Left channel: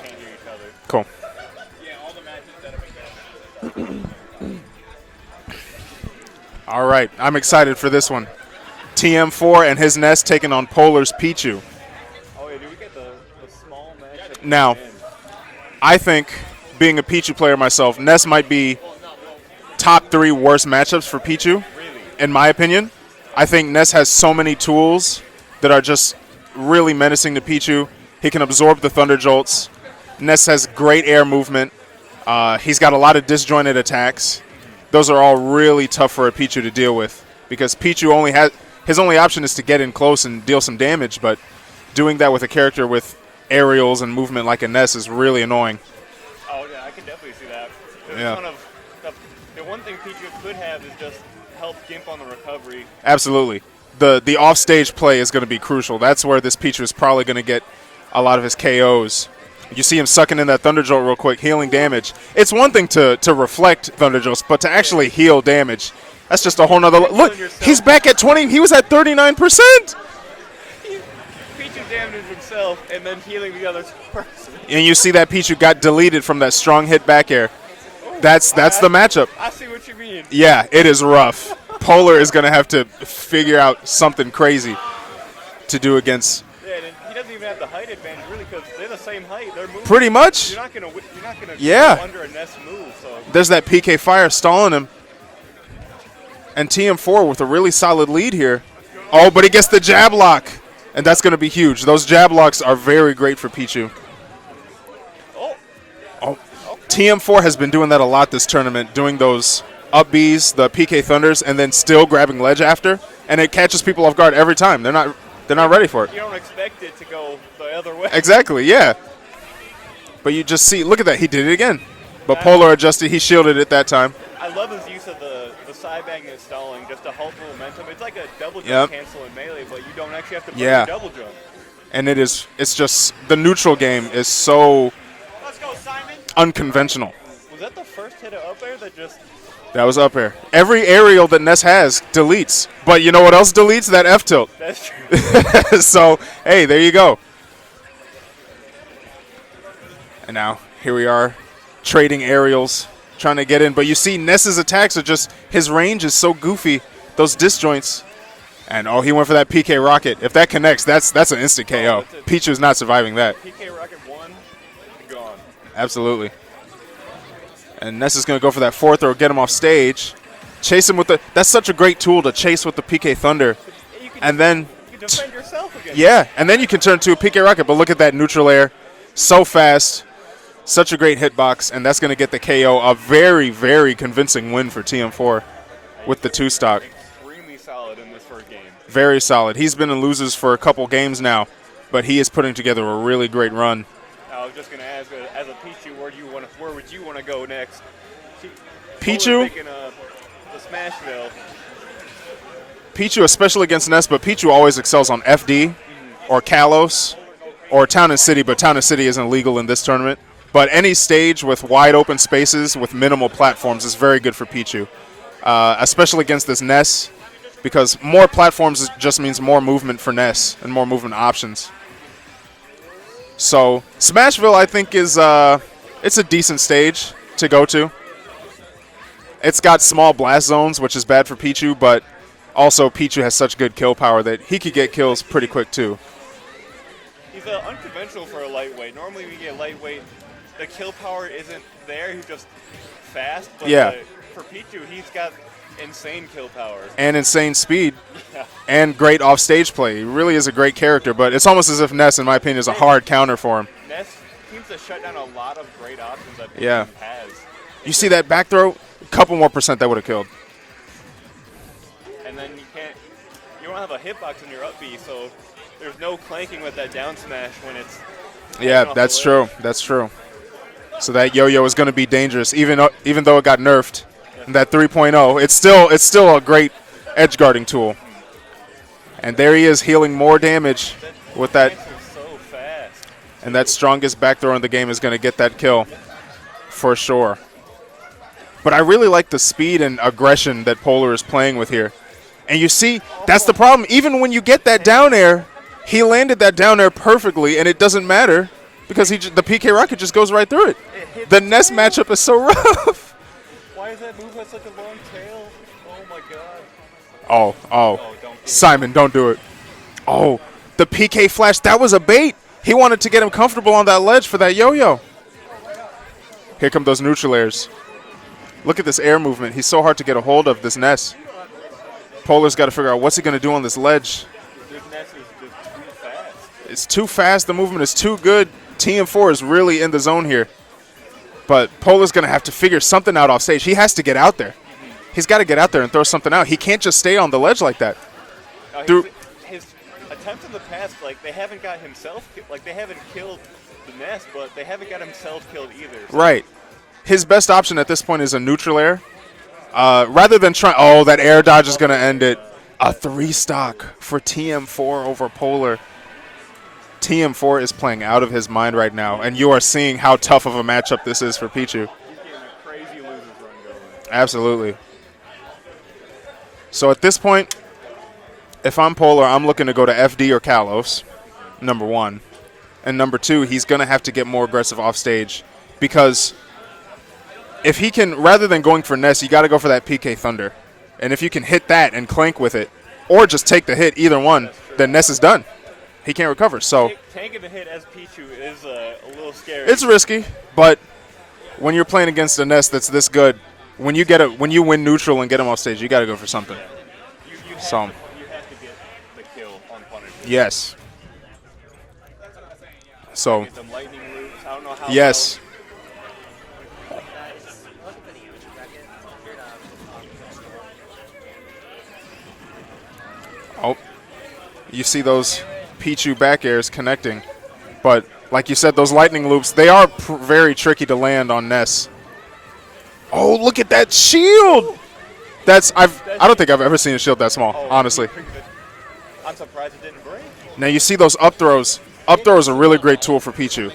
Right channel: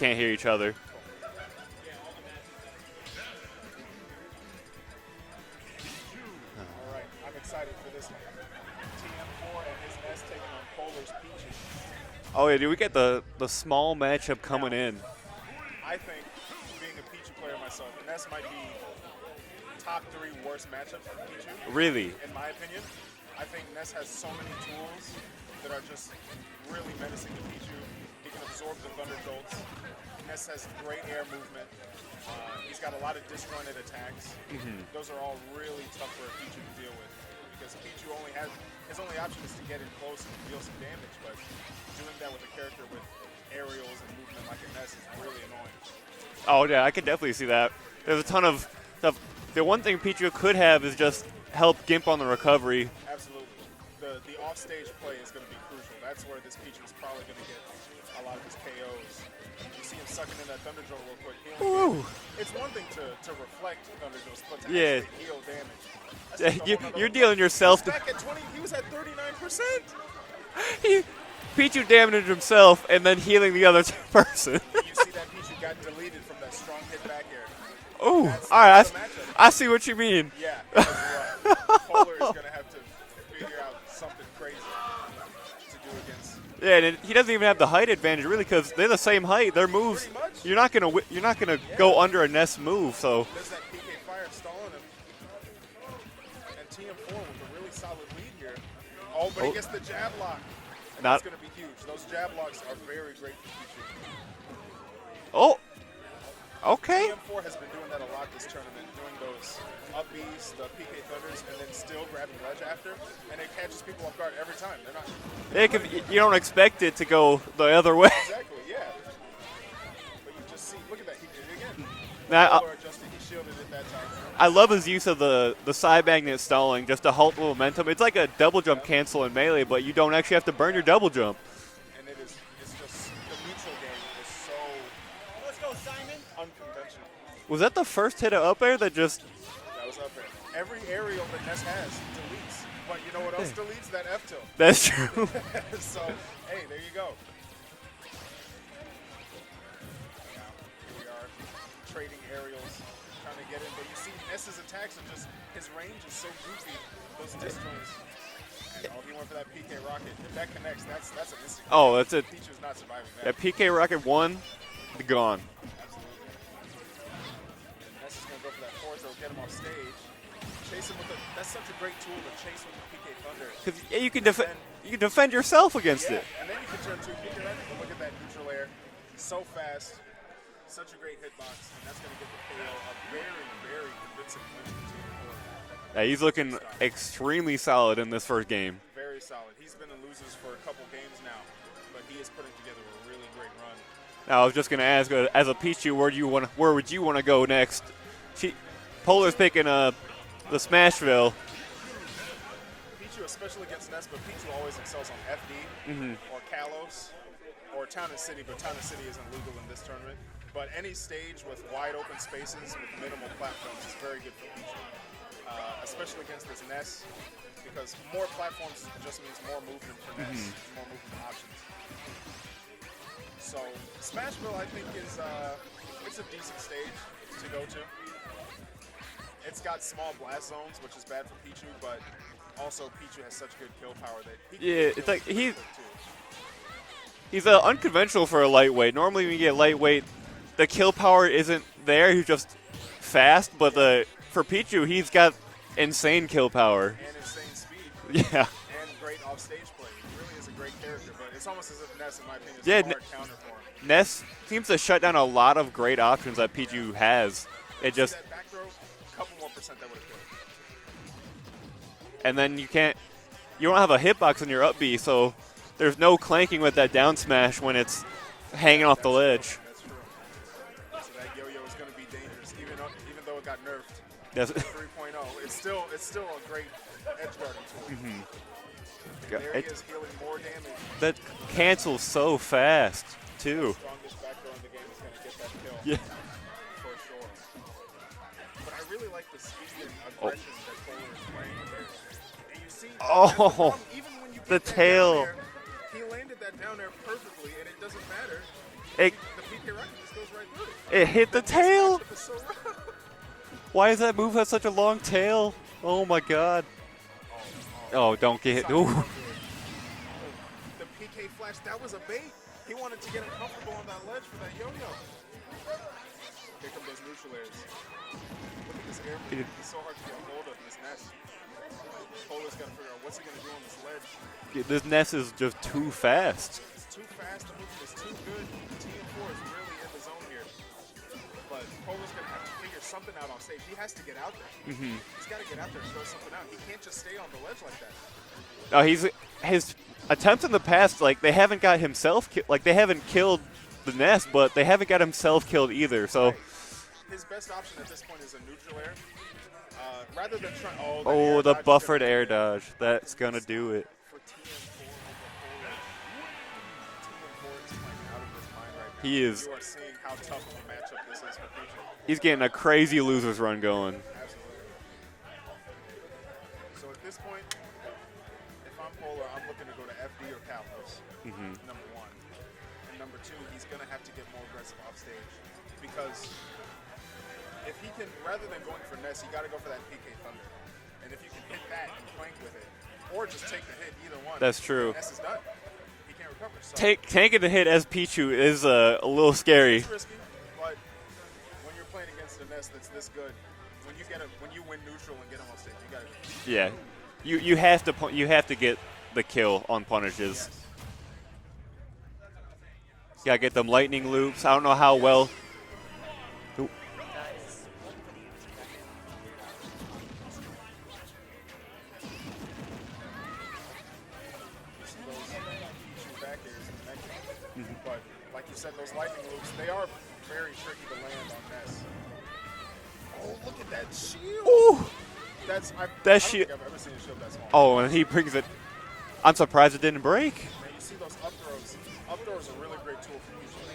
Can't hear each other. Cool. All right, I'm excited for this one. TM4 and his Nest taking on P0lar's Pichu. Oh, yeah, dude, we get the small matchup coming Now, in. I think, being a Pichu player myself, Nest might be top 3 worst matchups for Pichu. Really? In my opinion. I think Ness has so many tools that are just really menacing to Pichu. He can absorb the Thunder Jolts. Ness has great air movement. He's got a lot of disjointed attacks. Those are all really tough for a Pichu to deal with because Pichu his only option is to get in close and deal some damage, but doing that with a character with aerials and movement like a Ness is really annoying. Oh, yeah, I can definitely see that. There's a ton of stuff. The one thing Pichu could have is just help Gimp on the recovery. Absolutely. The offstage play is going to be crucial. That's where this Pichu is probably going to get a lot of his KOs. You see him sucking in that Thunder Jolt real quick, healing damage. It's one thing to reflect Thunder Jolts, but to actually heal damage, that's just a whole nother look. He's back at 20. He was at 39%. Pichu damaged himself and then healing the other person. And you see that Pichu got deleted from that strong hit back air. Ooh, that's the matchup. I see what you mean. Yeah, it is rough. P0lar is going to have to figure out something crazy to do against. Yeah, and he doesn't even have the height advantage really because they're the same height. Their moves. Pretty much. You're not gonna go under a Ness move. So there's that PK fire stalling him. And TM4 with a really solid lead here. Oh, but he gets the jab lock. And that's going to be huge. Those jab locks are very great for Pichu. Oh, okay. TM4 has been doing that a lot this tournament, doing those up Bs, the PK Thunders, and then still grabbing ledge after. And it catches people off guard every time. They're not ready for it. You don't expect it to go the other way. Exactly, yeah. But you just see, look at that. He did it again. But P0lar adjusted. He shielded it that time. I love his use of the side magnet stalling just to halt the momentum. It's like a double jump cancel in Melee, but you don't actually have to burn your double jump. And it's just the neutral game is so unconventional. Was that the first hit of up air that just... That was up air. Every aerial that Ness has deletes. But you know what else deletes? That F tilt. That's true. So, hey, there you go. And now, here we are, trading aerials, trying to get in. But you see Ness's attacks are just, his range is so goofy, those disjoints. And, he went for that PK rocket. If that connects, that's an instant KO. Pichu's not surviving that. PK rocket 1, gone. Absolutely. And Ness is going to go for that 4th throw, get him off stage. Chase him with the – that's such a great tool to chase with the PK Thunder. You can defend yourself against it. And then you can turn to a PK Rocket. But look at that neutral air. So fast. Such a great hitbox. And that's going to get the KO. A very, very convincing win for TM4 with the 2-stock. Extremely solid in this first game. Very solid. He's been in losers for a couple games now. But he is putting together a really great run. I was just going to ask, as a Pichu, where would you want to go next? Pichu picking the Smashville. Pichu, especially against Ness, but Pichu always excels on FD or Kalos or Town and City, but Town and City isn't legal in this tournament. But any stage with wide open spaces with minimal platforms is very good for Pichu, especially against this Ness, because more platforms just means more movement for Ness and more movement options. So Smashville, I think, is it's a decent stage to go to. It's got small blast zones, which is bad for Pichu, but also Pichu has such good kill power that he could get kills pretty quick too. He's unconventional for a lightweight. Normally when you get lightweight, the kill power isn't there. He's just fast, but for Pichu, he's got insane kill power. And insane speed. Yeah. And great off-stage play. He really is a great character, but it's almost as if Ness, in my opinion, is a hard counter for him. Ness seems to shut down a lot of great options that Pichu has. You see that back throw? A couple more percent that would have killed. And then you don't have a hitbox in your up B, so there's no clanking with that down smash when it's hanging off that's the true. ledge. That's true. So that yo-yo is going to be dangerous, even though it got nerfed. That 3.0, it's still a great edge guarding tool. And there he is healing more damage with that. Cancels so fast. And that strongest back throw in the game is going to get that kill for sure. But I really like the speed and aggression that P0lar is playing with here. And you see, that's the problem. Even when you get that down air, he landed that down air perfectly, and it doesn't matter because the PK rocket just goes right through it. It hit the the Ness tail. matchup is so rough. Why does that move have such a long tail? Oh my god. Oh, don't get Simon, hit. don't do it. Oh, the PK flash, that was a bait. He wanted to get him comfortable on that ledge for that yo-yo. Here come those neutral airs. Look at this air movement. He's so hard to get a hold of, this Ness. P0lar's got to figure out what's he going to do on this ledge. This Ness is just too fast. It's too fast. The movement is too good. TM4 is really in the zone here. But P0lar's going to have to figure something out off stage. He has to get out there. He's got to get out there and throw something out. He can't just stay on the ledge like that. His attempts in the past, like, they haven't got himself, like, they haven't killed the Ness, but they haven't got himself killed either. So. Right. His best option at this point is a neutral air. Rather than trying, oh, that air dodge is going to end it. A 3-stock for TM4 over P0lar. TM4 is playing out of his mind right now, and you are seeing how tough of a matchup this is for Pichu. He's getting a crazy loser's run going. Absolutely. So at this point, if I'm P0lar, I'm looking to go to FD or Kalos, number one. And number two, he's going to have to get more aggressive off stage, because if he can, rather than going for Ness, you got to go for that PK Thunder. And if you can hit that and clank with it, or just take the hit, either one, then Ness is done. He can't recover. So tanking the hit as Pichu is a little scary. It's risky, but when you're playing against a Ness that's this good, when you win neutral and get him off stage, you got to go for something. Yeah, you have to get the kill on punishes. Yes. So gotta get them lightning loops. I don't know how yes. well. Oh, you see those Pichu back airs connecting. But like you said, those lightning loops, they are very tricky to land on Ness. Oh, look at that shield! I don't think I've ever seen a shield that small, honestly. I'm surprised it didn't break. Now you see those up throws. Up throw is a really great tool for Pichu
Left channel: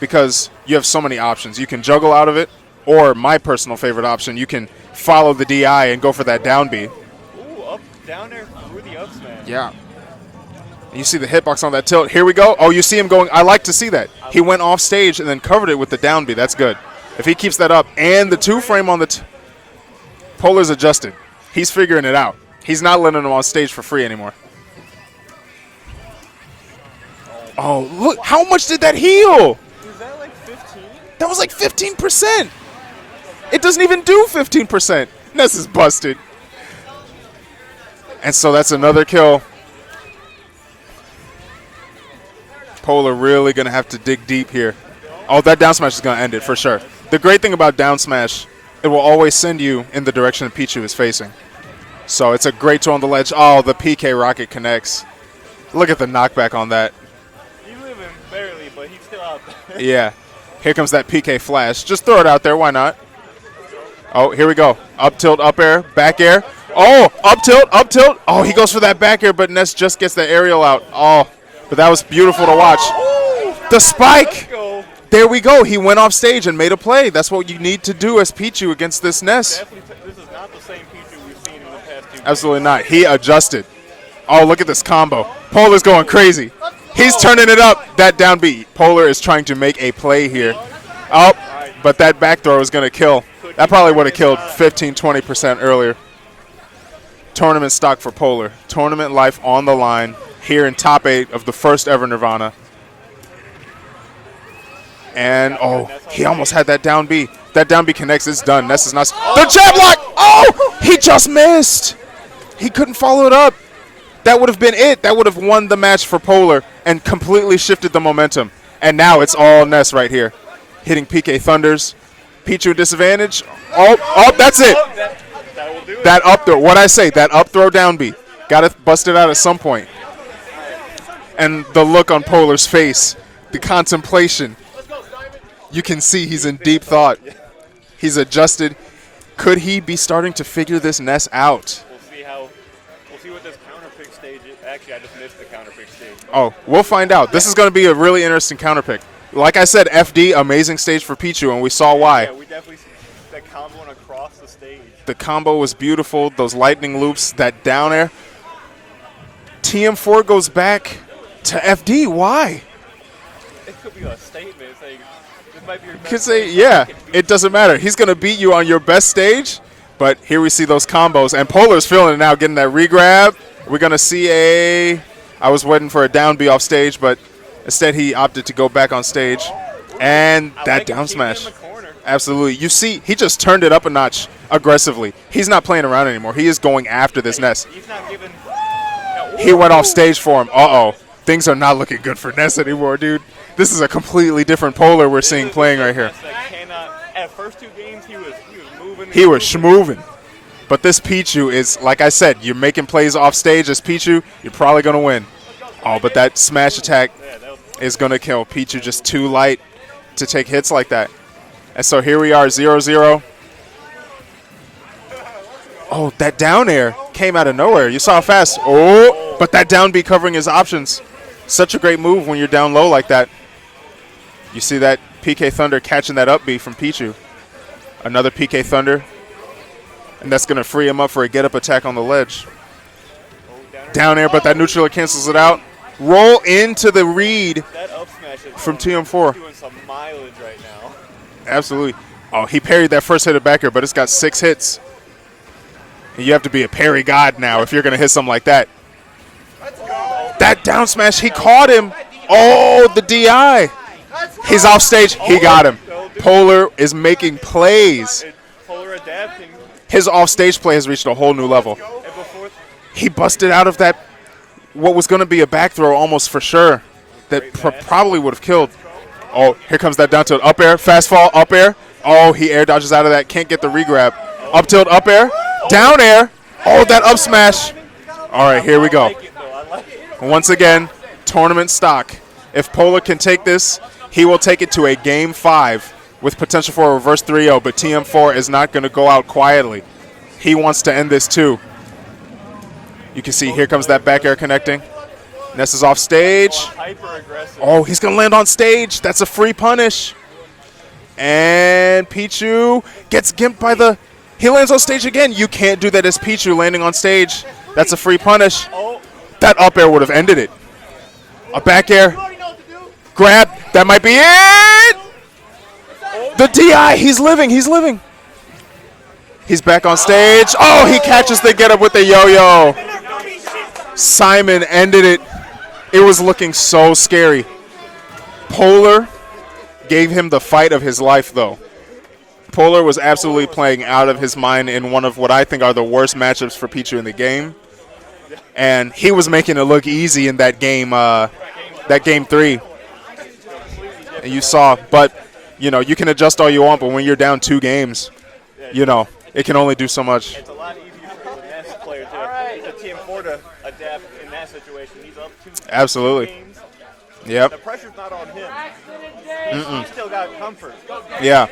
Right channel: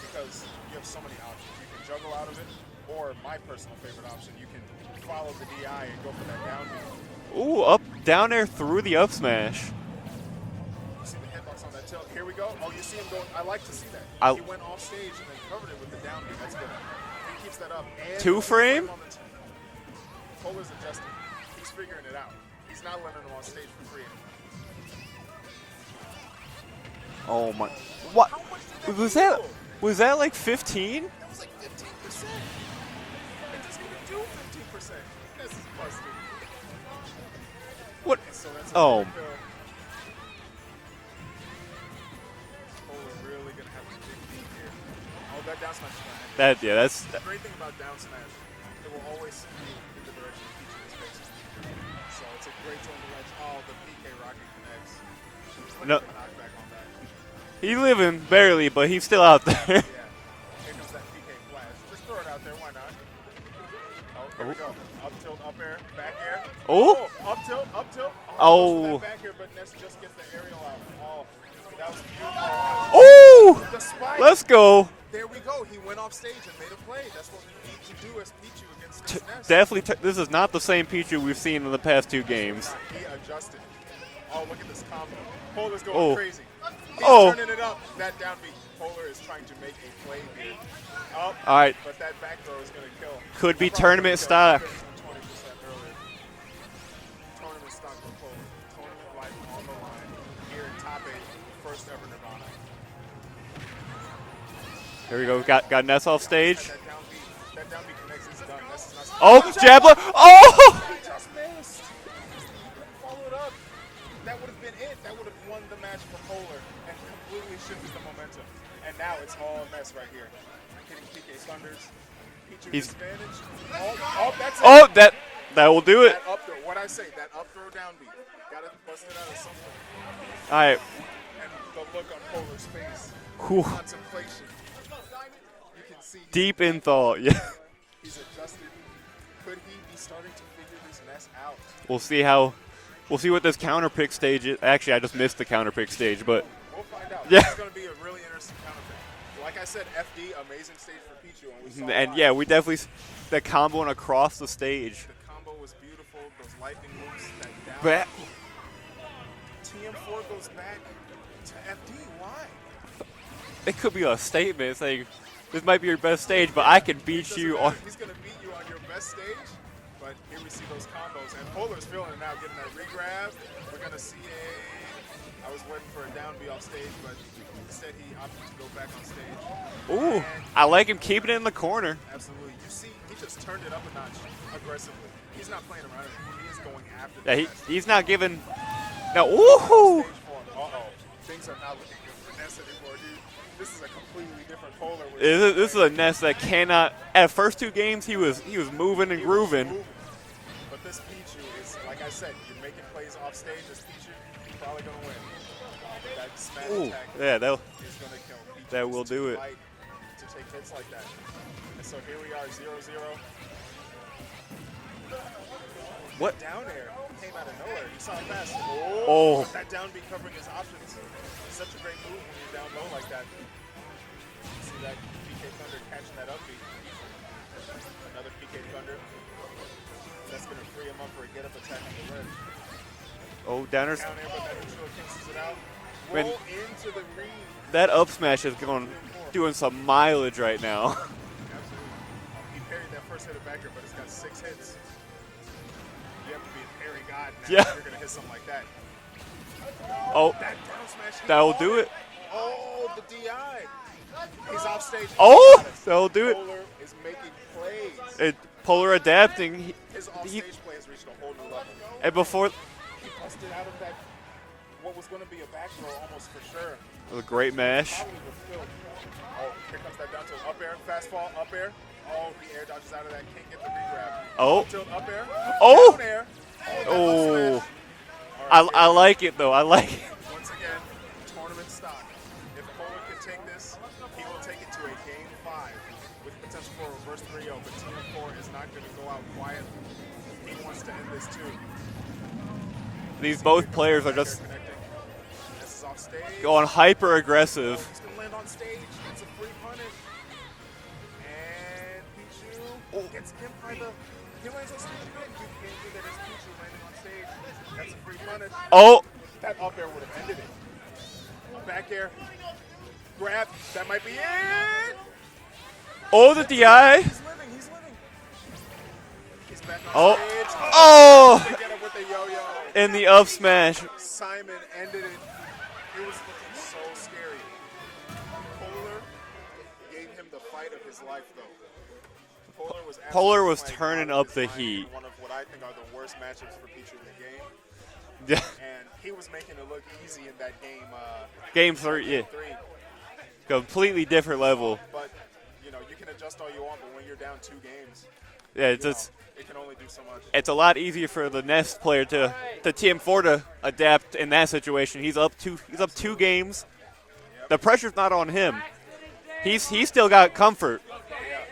because you have so many options. You can juggle out of it, or my personal favorite option, you can follow the DI and go for that down B. Ooh, up, down there through the up smash. Yeah. You see the hitbox on that tilt. Here we go. Oh, you see him going. I like to see that. He went off stage and then covered it with the down B. That's good. If he keeps that up and the two frame on the P0lar's adjusted. He's figuring it out. He's not letting him on stage for free anymore. Oh, look. What? How much did that heal? Was that like 15? That was like 15%. It doesn't even do 15%. Ness is busted. What? And so that's another kill. P0lar really going to have to dig deep here. Oh, that down smash is going to end it for sure. The great thing about down smash, it will always send you in the direction that Pichu is facing. So it's a great tool on the ledge. Oh, the PK rocket connects. Look at the knockback on that. He's living barely, but he's still out there. Yeah. Here comes that PK flash. Just throw it out there. Why not? Oh, here we go. Up tilt, up air, back air. Oh, up tilt, up tilt. Oh, he goes for that back air, but Ness just gets the aerial out. Oh, but that was beautiful to watch. Oh, the spike. Let's go. There we go. He went off stage and made a play. That's what you need to do as Pichu against this Ness. Definitely. This is not the same Pichu we've seen in the past two games. Absolutely not. He adjusted. Oh, look at this combo. P0lar's going crazy. He's turning it up. That down B. P0lar is trying to make a play here. Oh, but that back throw is going to kill. That probably would have killed 15, 20% earlier. Tournament stock for P0lar. Tournament life on the line here in top 8 of the first ever Nirvana. And he almost had that down B. That down B connects. It's done. Ness is not. The jab block. Oh, he just missed. He couldn't follow it up. That would have been it. That would have won the match for P0lar and completely shifted the momentum. And now it's all Ness right here. Hitting PK Thunders. Pichu disadvantage. Oh, that's it. Oh, that will do it. That up throw. What'd I say? That up throw down B. Got to bust it out at some point. All right. And the look on P0lar's face. The contemplation. You can see he's in deep thought. Yeah. He's adjusted. Could he be starting to figure this Ness out? We'll see what this counter pick stage is. Actually, I just missed the counter pick stage. But we'll find out. Yeah. This is going to be a really interesting counter pick. Like I said, FD, amazing stage for Pichu, and we saw why. Yeah, we definitely that comboing across the stage. The combo was beautiful. Those lightning loops, that down air. TM4 goes back to FD. Why? it could be a statement saying this might be your Could best say, stage, but I yeah, can beat it doesn't you matter. on- He's going to beat you on your best stage, but here we see those combos. And P0lar's feeling it now, getting that regrab. We're going to see I was waiting for a down B off stage, but instead he opted to go back on stage. Ooh, And I that like him down keeping it smash. in the corner. Absolutely. You see, he just turned it up a notch aggressively. He's not playing around anymore. He is going after this Ness. He's not giving. Now, He went off ooh. stage for him. Uh-oh. Things are not looking good for Ness anymore, dude. This is a completely different P0lar we're seeing playing right here. That cannot. At first 2 games, he was moving. And He was grooving. schmooving. But this Pichu is, like I said, you're making plays off stage as Pichu, you're probably going to win. Oh, but that smash attack Yeah, is going to kill. Pichu that just will too do it. light to take hits like that. And so here we are, 0-0. Oh, that down air came out of nowhere. You saw how fast. Oh, but that down B covering his options. Such a great move when you're down low like that. You see that PK Thunder catching that up B from Pichu. Another PK Thunder. And that's going to free him up for a get-up attack on the ledge. Oh, Down air, but that neutral cancels it out. Roll into the read That up smash is from going- TM4. doing some mileage right now. Absolutely. Oh, he parried that first hit of back air, but it's got 6 hits. And you have to be a parry god now if you're going to hit something like that. Oh, That down smash, he That caught was him. Oh, the DI. He's off stage. He Oh, got him. that'll do it. P0lar is making plays. P0lar adapting, His off-stage play has reached a whole new level. and before He busted out of that, what was going to be a back throw almost for sure. That great mash. probably would have killed. Oh, here comes that down tilt. Up air, fast fall, up air. Oh, he air dodges out of that. Can't get the regrab. Oh. Up tilt, up air. Down air. Oh, that up smash. All right, here we go. I like it, though. I like it. Once again, tournament stock. If P0lar can take this, he will take it to a Game 5 with potential for a reverse 3-0, but TM4 is not going to go out quietly. He wants to end this too. You can see both here comes that players back air connecting. Ness is off stage. Going hyper aggressive. Oh, he's going to land on stage. That's a free punish. And Pichu gets gimped by the... He lands on stage again. You can't do that as Pichu landing on stage. That's a free punish. Oh, That up air would have ended it. A back air. Grab. That might be it. oh, The DI. He's living. He's living. He's back on stage. Oh, he catches the get up with the yo-yo. in the up smash. Simon ended it. It was looking so scary. P0lar gave him the fight of his life, though. P0lar was absolutely was playing turning out of up his the mind heat. in one of what I think are the worst matchups for Pichu in the game. Yeah. And he was making it look easy in that game. Game That game 3. completely different. And you level. saw, but you know, you can adjust all you want, but when you're down 2 games, Yeah, you know, it can only do so much. it's a lot easier for the Ness player to TM4 to adapt in that situation. He's up 2 Absolutely. 2 games. Yep. The pressure's not on him. He's still got comfort. Yeah.